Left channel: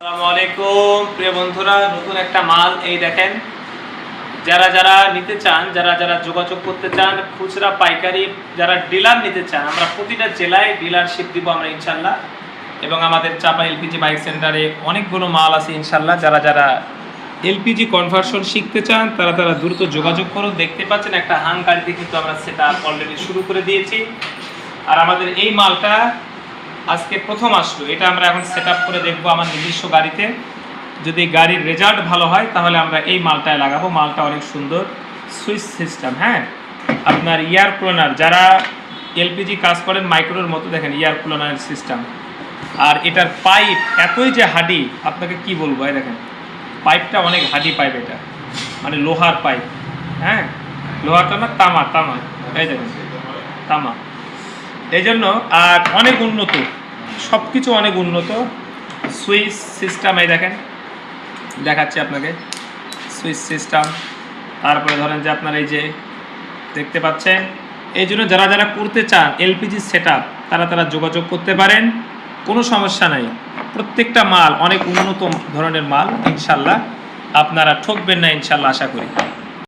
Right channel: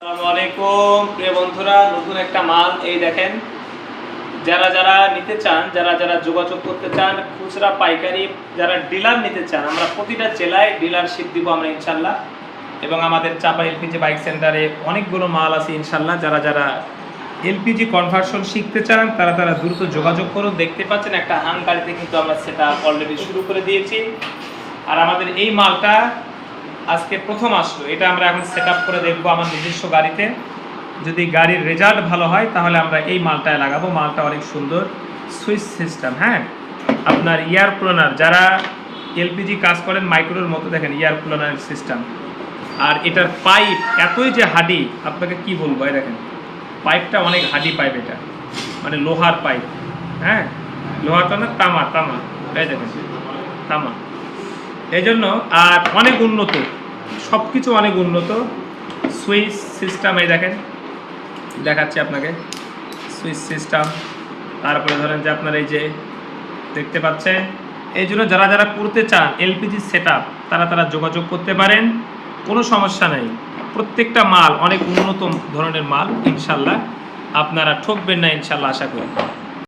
আসসালামু আলাইকুম প্রিয় বন্ধুরা, নতুন একটা মাল এই দেখেন। যারা যারা নিতে চান, যারা যারা যোগাযোগ করতে চান, খুচরা পাইকারি যারা ডিলার নিতে চান, আমরা প্রতিটা জেলায় ডিলারশিপ দিব আমরা ইনশাল্লাহ। এবং আমাদের চাপা এলপিজি বাইক সেন্টারে অনেকগুলো মাল আছে ইনশাল্লাহ। যারা যারা এলপিজি কনভার্সন শিখতে চান তারা তারা দ্রুত যোগাযোগ করুন। দেখতে পাচ্ছেন একটা হাং গাড়িতে কিন্তু আমরা সেটা অলরেডি শুরু করে দিয়েছি। আর আমাদের এই মালটা আজকে প্রথম আসলো, এটা আমরা এখন সেট আপ করে দেখবো আমার নিজস্ব গাড়িতে। যদি গাড়ির রেজাল্ট ভালো হয় তাহলে আমরা এই মালটায় লাগাবো। মালটা অনেক সুন্দর, সুইচ সিস্টেম। হ্যাঁ, আপনার ইয়ার কুলার, যারা এলপিজি কাজ করেন মাইক্রোর মতো, দেখেন ইয়ার কুলার সিস্টেম। আর এটার পাইপ এতই যে হাডি, আপনাকে কি বলবো, এই দেখেন পাইপটা অনেক হাডি পাইপ, এটা মানে লোহার পাইপ। হ্যাঁ, লোহাটা না, তামা, এই দেখেন তামা। এই জন্য আর অনেক উন্নত, সব কিছু অনেক উন্নত। সুইচ সিস্টেম এই দেখেন, দেখাচ্ছি আপনাকে সুইচ সিস্টেম। তারপরে ধরেন যে আপনার এই যে দেখতে পাচ্ছেন, এই জন্য যারা যারা করতে চান এলপিজি সেট আপ তারা তারা যোগাযোগ করতে পারেন, কোনো সমস্যা নাই। প্রত্যেকটা মাল অনেক উন্নত ধরনের মাল ইনশাল্লাহ, আপনারা ঠকবেন না ইনশাল্লাহ, আশা করি।